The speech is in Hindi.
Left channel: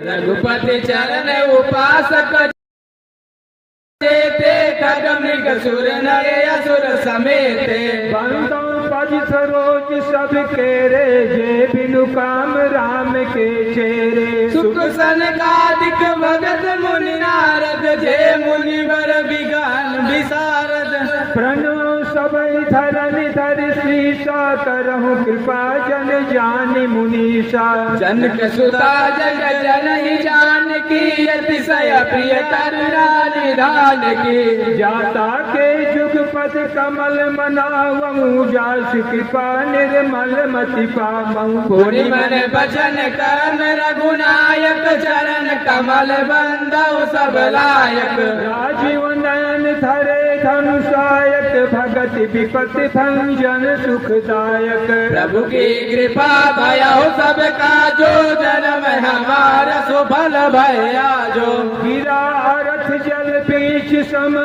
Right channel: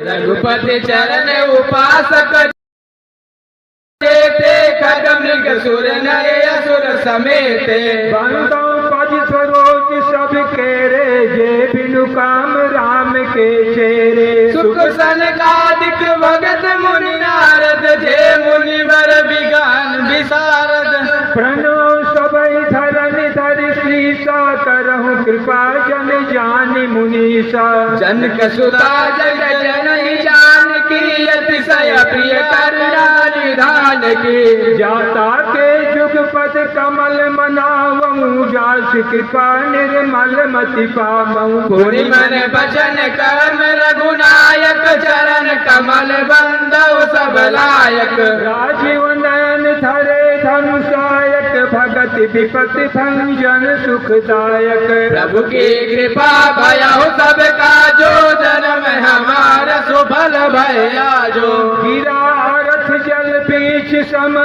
रघुपति चरण उपासक ते खग मृग सुर नर असुर समेत पद सरोज सब केरे जे बिनु काम राम के चेरे सुख सनकादिक भगत मुनि नारद जे मुनिवर विज्ञान विशारद प्रणव सबई धरन धरि श्रीसा करहु कृपा जन जानि मुनीसा जनक सुता जग जननी जानकी अतिशय प्रिय करुणा निधान की जाता के जुग पद कमल मनावमु जास कृपा निर्मल मति पावमु पुनि मन बचन कर्म रघुनायक चरण कमल बंदव सब लायक राजीव नयन धरे धनुषायक भगत विपति भंजन सुखदायक प्रभु की कृपा भयउ सब काजो जन्म हमारा सुफल भया जो गिरा रथ जल बीच सम